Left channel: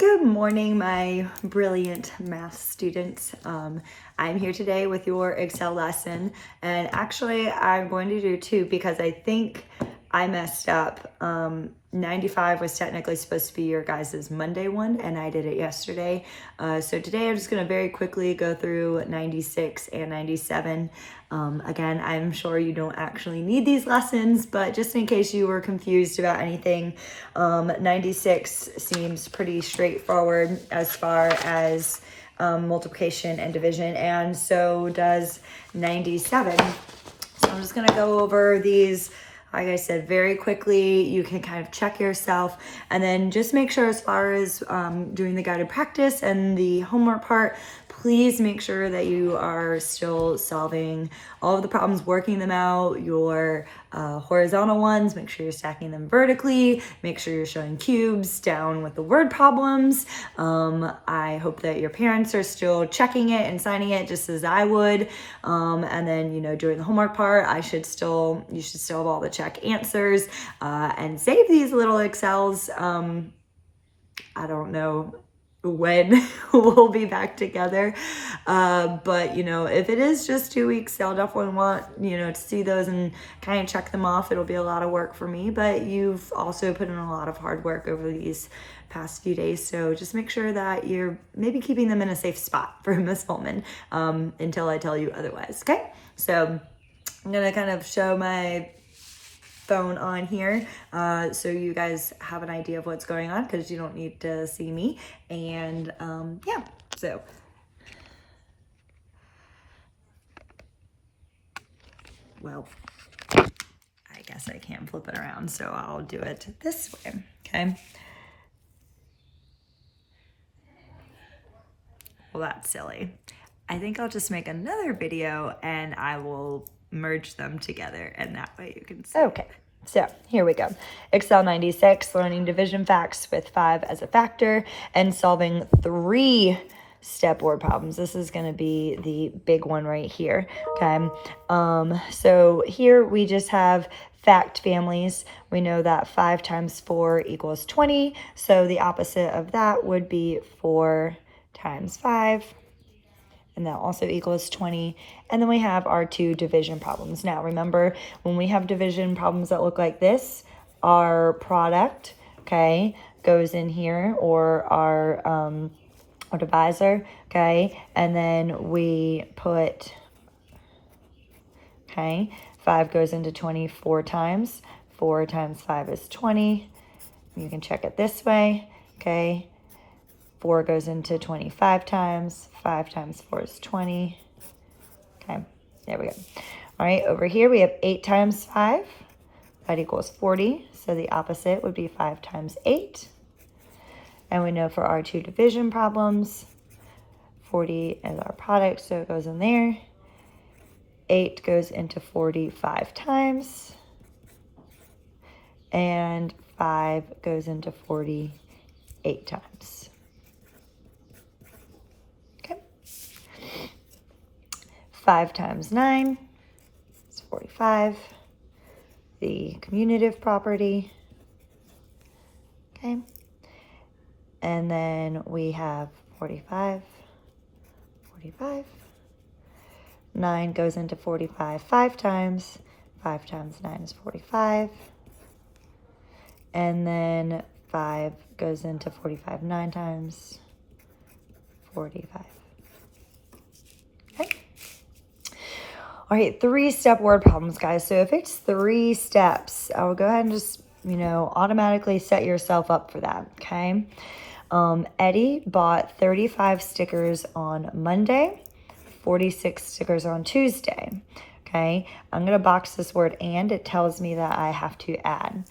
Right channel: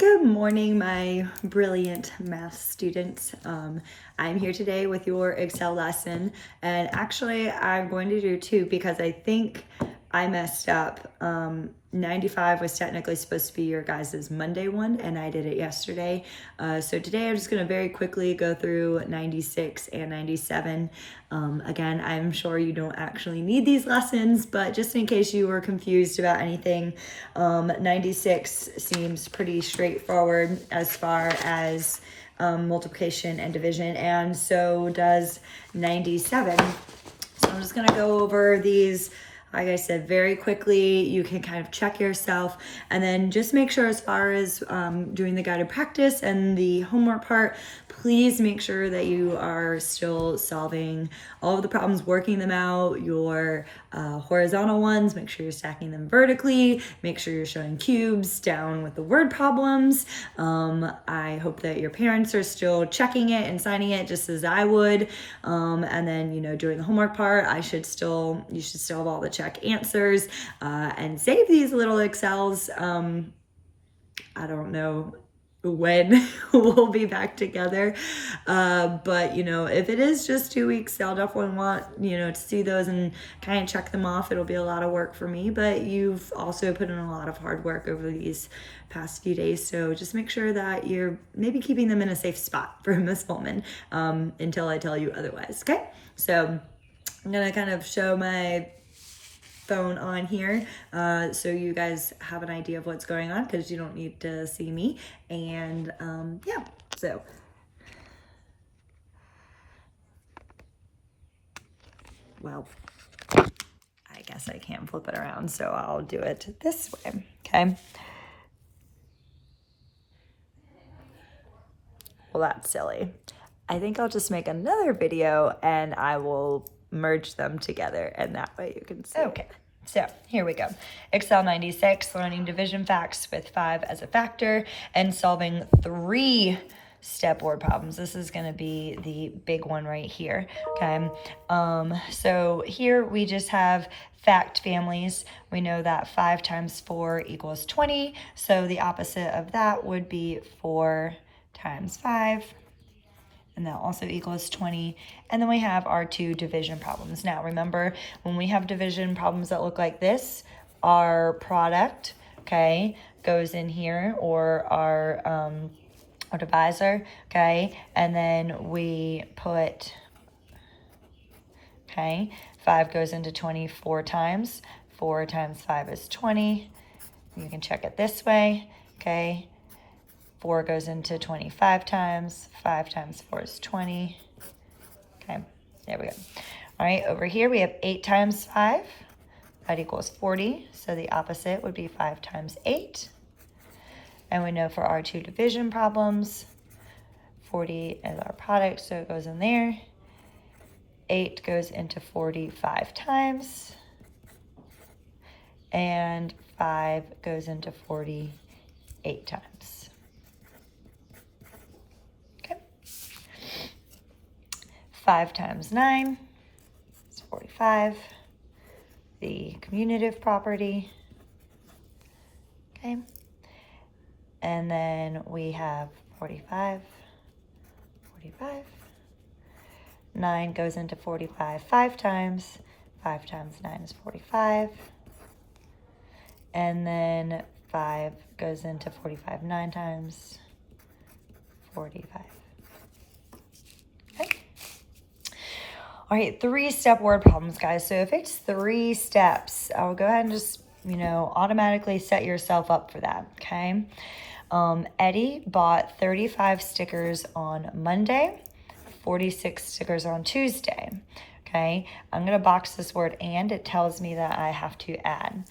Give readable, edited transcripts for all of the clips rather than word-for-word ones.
Good morning, my brilliant math students. I'm here today with your Excel lesson, and actually I'm going to do two because I think I messed up. 95 was technically supposed to be your guys' Monday one, and I did it yesterday. So today I'm just going to very quickly go through 96 and 97. Again, I'm sure you don't actually need these lessons, but just in case you were confused about anything, 96 seems pretty straightforward as far as multiplication and division, and so does 97. So I'm just going to go over these, like I said, very quickly. You can kind of check yourself and then just make sure as far as doing the guided practice and the homework part, please make sure that you are still solving all of the problems, working them out. Your horizontal ones, make sure you're stacking them vertically. Make sure you're showing cubes down with the word problems. I hope that your parents are still checking it and signing it just as I would. And then, during the homework part, you should still have all the check answers and save these little Excels. I don't know when we'll be back together. But if it is just 2 weeks, I'll definitely want, to see those and kind of check them off. It'll be a lot of work for me, but you've also put in a lot of hard work over these past few days. So just make sure that you're maybe keeping them in a safe spot for Miss Holman until I tell you otherwise. Okay. So I'm going to kind of show my phone on here so you guys have an idea of what's going on, because you don't need to see me. And yeah, so well, I guess I can't flip it around, so I'll do it this way. Okay, well, that's silly. I think I'll just make another video and I will merge them together, and that way you can see. Okay. So here we go. Excel 96, learning division facts with 5 as a factor and solving 3-step word problems. This is going to be the big one right here. Okay. So here we just have fact families. We know that 5 times 4 equals 20. So the opposite of that would be 4 times 5. And that also equals 20. And then we have our 2 division problems. Now remember, when we have division problems that look like this, our product, okay, goes in here, or our divisor, okay, and then we put, okay, 5 goes into 20 4 times. 4 times 5 is 20. You can check it this way, okay. 4 goes into 25 times. 5 times 4 is 20. Okay, there we go. All right, over here we have 8 times 5. That equals 40. So the opposite would be 5 times 8. And we know for our 2 division problems, 40 is our product, so it goes in there. 8 goes into 45 times. And 5 goes into 48 times. 5 times 9 is 45, the commutative property, okay, and then we have 45, 45, 9 goes into 45 5 times, 5 times 9 is 45, and then 5 goes into 45 9 times, 45. All right, 3-step word problems, guys. So if it's 3 steps, I will go ahead and just, automatically set yourself up for that, okay? Eddie bought 35 stickers on Monday, 46 stickers on Tuesday, okay? I'm gonna box this word and. It tells me that I have to add.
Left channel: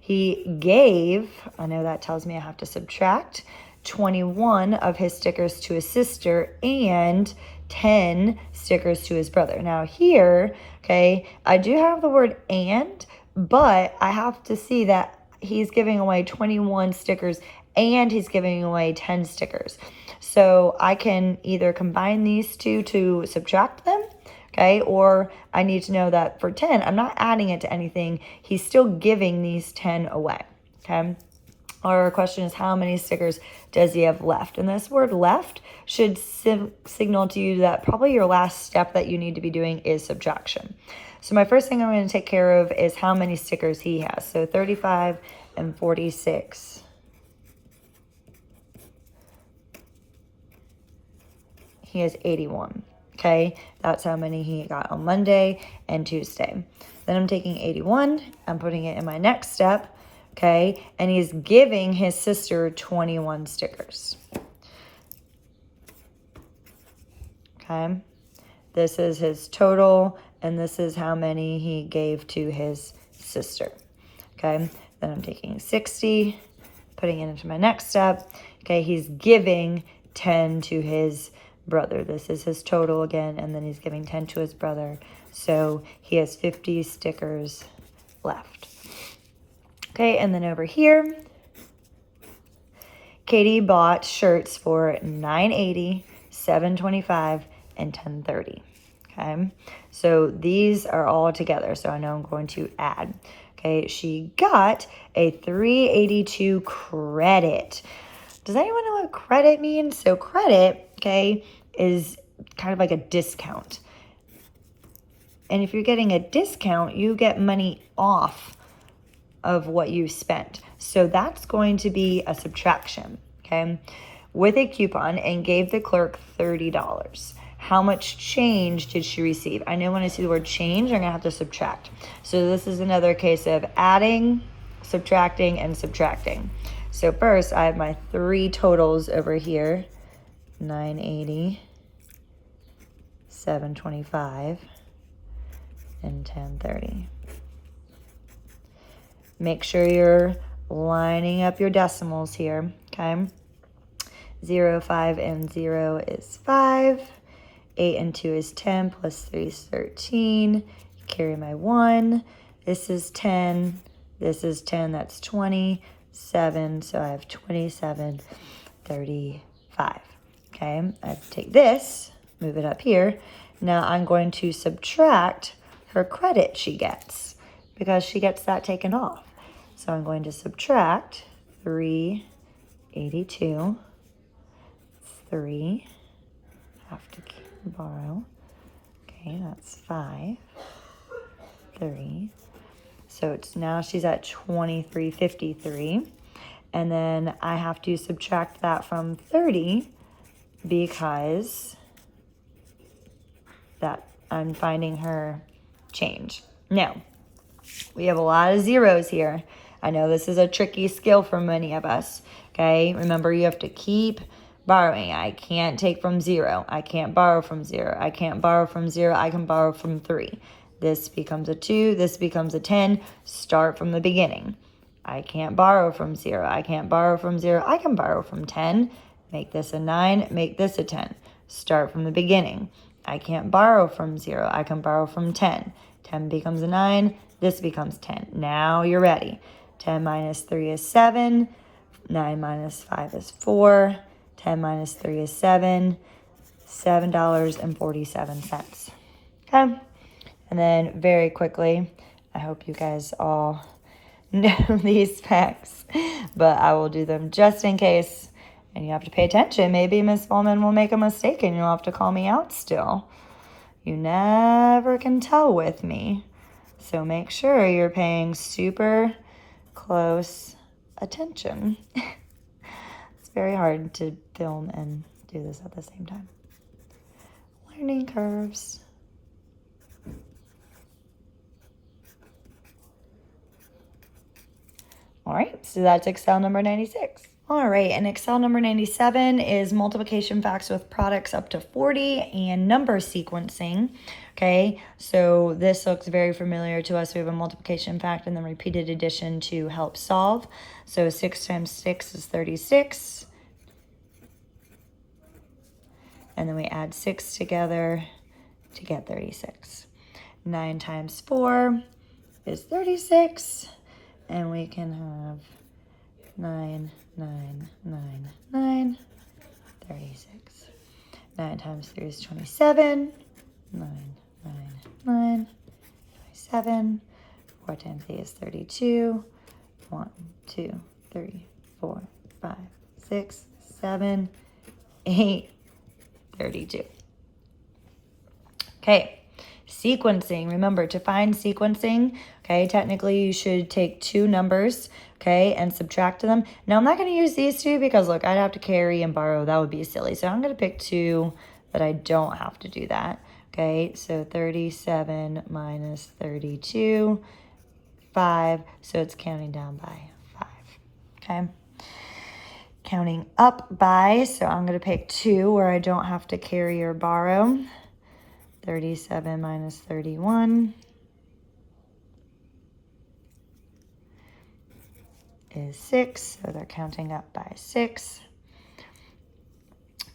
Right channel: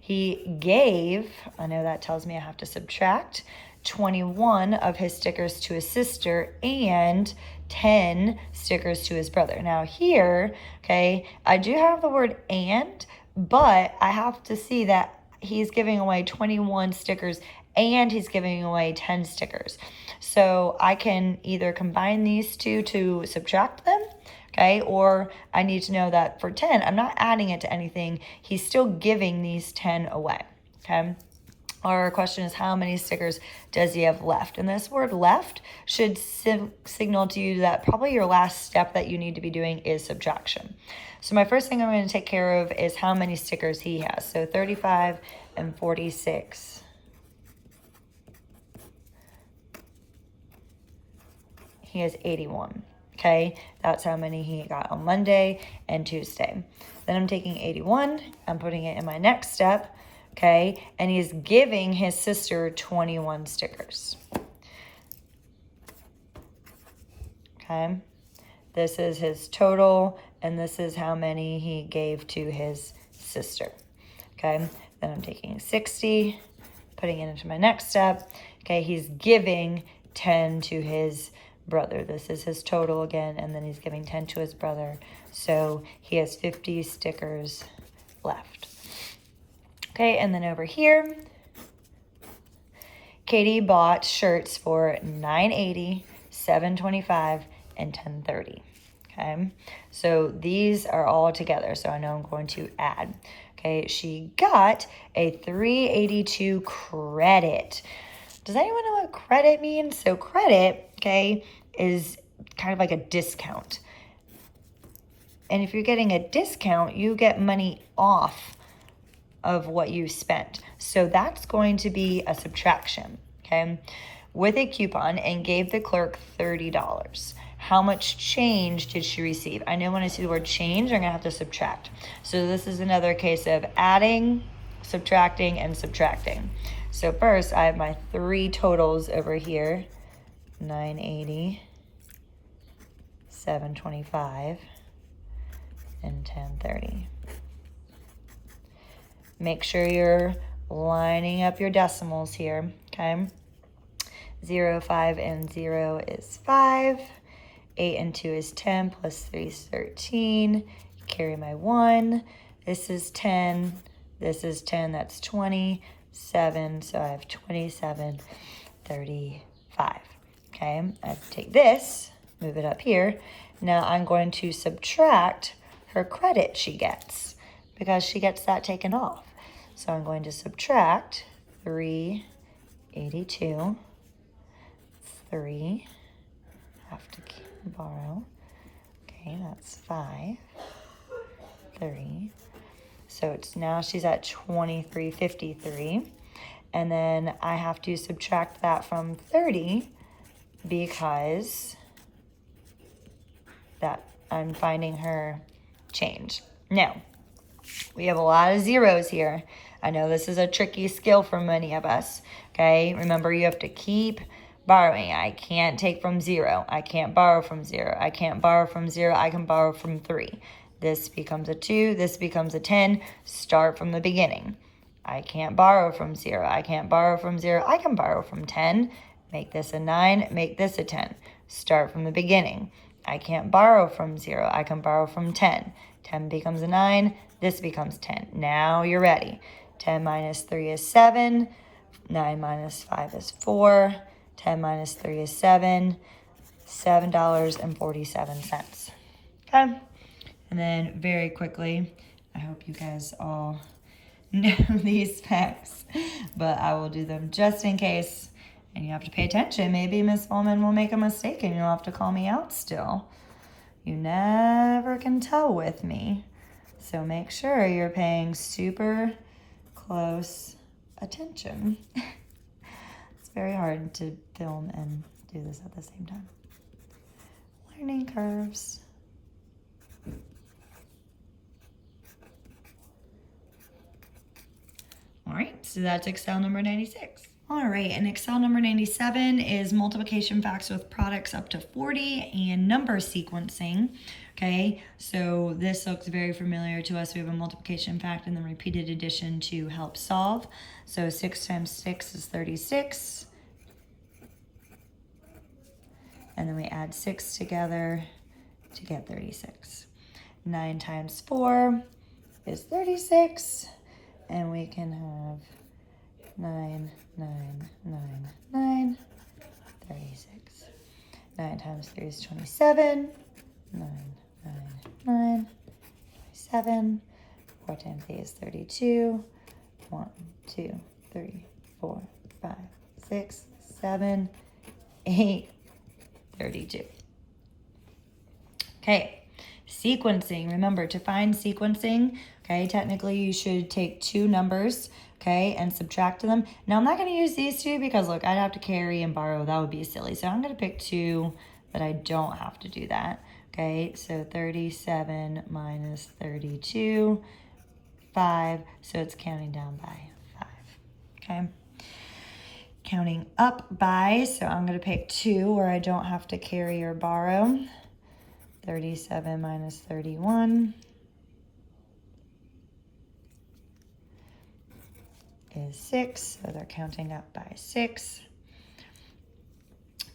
He gave, I know that tells me I have to subtract, 21 of his stickers to his sister and 10 stickers to his brother. Now here, okay, I do have the word and, but I have to see that he's giving away 21 stickers and he's giving away 10 stickers. So I can either combine these two to subtract them, okay, or I need to know that for 10, I'm not adding it to anything. He's still giving these 10 away, okay? Our question is, how many stickers does he have left? And this word left should signal to you that probably your last step that you need to be doing is subtraction. So my first thing I'm going to take care of is how many stickers he has. So 35 and 46. He has 81. Okay, that's how many he got on Monday and Tuesday. Then I'm taking 81, I'm putting it in my next step, okay, and he's giving his sister 21 stickers. Okay, this is his total, and this is how many he gave to his sister. Okay, then I'm taking 60, putting it into my next step. Okay, he's giving 10 to his brother. This is his total again, and then he's giving 10 to his brother. So he has 50 stickers left. Okay, and then over here, Katie bought shirts for $9.80, $7.25, and $10.30. Okay, so these are all together. So I know I'm going to add. Okay, she got a $3.82 credit. Does anyone know what credit means? So credit, okay, is kind of like a discount. And if you're getting a discount, you get money off of what you spent. So that's going to be a subtraction, okay, with a coupon, and gave the clerk $30. How much change did she receive? I know when I see the word change, I'm gonna have to subtract. So this is another case of adding, subtracting, and subtracting. So first, I have my three totals over here, 980, 725, and 1030. Make sure you're lining up your decimals here, okay? 0, 5, and 0 is 5. 8 and 2 is 10, plus 3 is 13. Carry my 1. This is 10. This is 10, that's 27. So I have 27, 35. Okay, I take this, move it up here. Now I'm going to subtract her credit she gets, because she gets that taken off. So I'm going to subtract 382, 3, have to borrow, okay, that's 5, 3. So it's now she's at 2353, and then I have to subtract that from 30 because that I'm finding her change. Now, we have a lot of zeros here. I know this is a tricky skill for many of us, okay? Remember, you have to keep borrowing. I can't take from 0. I can't borrow from 0. I can't borrow from 0. I can borrow from 3. This becomes a 2. This becomes a 10. Start from the beginning. I can't borrow from 0. I can't borrow from 0. I can borrow from 10. Make this a 9. Make this a 10. Start from the beginning. I can't borrow from 0. I can borrow from 10. 10 becomes a 9. This becomes 10. Now you're ready. 10 minus 3 is 7. 9 minus 5 is 4. 10 minus 3 is 7. $7.47. Okay. And then very quickly, I hope you guys all know these facts, but I will do them just in case, and you have to pay attention. Maybe Miss Bowman will make a mistake and you'll have to call me out still. You never can tell with me. So make sure you're paying super close attention. It's very hard to film and do this at the same time. Learning curves. All right, so that's Excel number 96. All right, and Excel number 97 is multiplication facts with products up to 40 and number sequencing. Okay, so this looks very familiar to us. We have a multiplication fact and then repeated addition to help solve. So 6 times 6 is 36. And then we add 6 together to get 36. 9 times 4 is 36. And we can have 9, 9, 9, 9, 36. 9 times 3 is 27. 9, 9, 9, 27. 4 times 8 is 32. 1, 2, 3, 6, 7, 8, 32. Okay, sequencing. Remember, to find sequencing, okay, technically you should take two numbers, okay, and subtract them. Now, I'm not going to use these two because, look, I'd have to carry and borrow. That would be silly. So I'm going to pick two that I don't have to do that. Okay, so 37 minus 32, 5. So it's counting down by 5. Okay. Counting up by, so I'm going to pick 2 where I don't have to carry or borrow. 37 minus 31 is 6, so they're counting up by 6.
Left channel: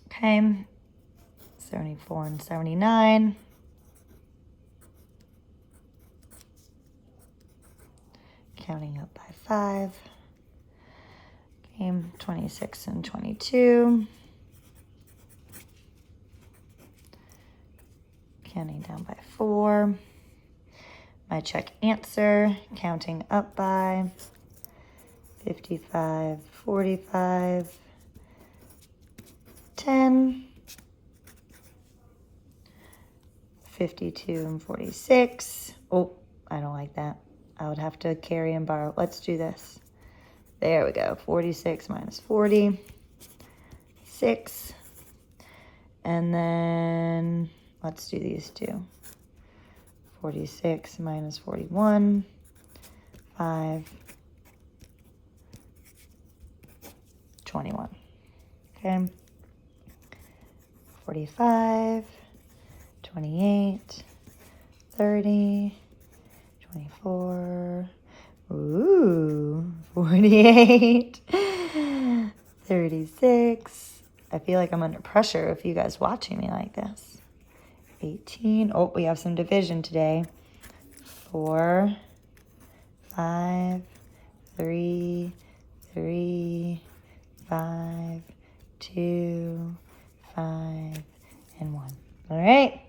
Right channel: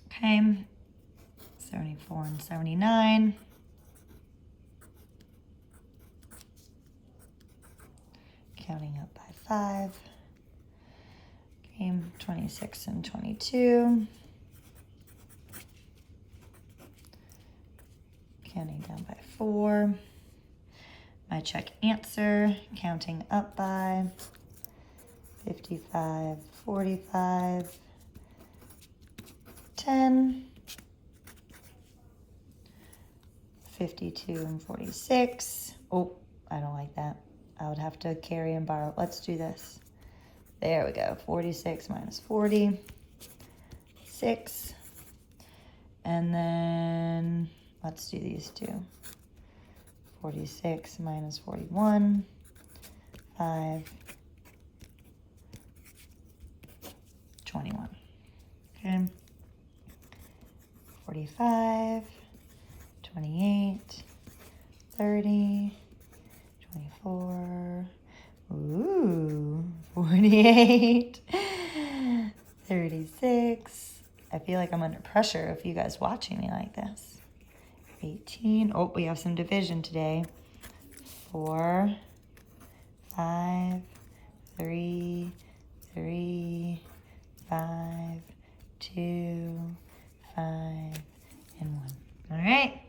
Okay, 74 and 79. Counting up by 5. Okay, 26 and 22. Counting down by 4. My check answer, counting up by 55, 45, 10, 52 and 46. Oh, I don't like that. I would have to carry and borrow. Let's do this. There we go. 46 minus 40, 6. And then let's do these two. 46 minus 41, 5, 21. Okay. 45, 28, 30, 24, ooh, 48, 36. I feel like I'm under pressure if you guys watching me like this. 18. Oh, we have some division today. 4, 5, 3, 3, 5, 2, 5, and 1. All right,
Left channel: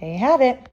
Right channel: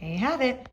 there you have it.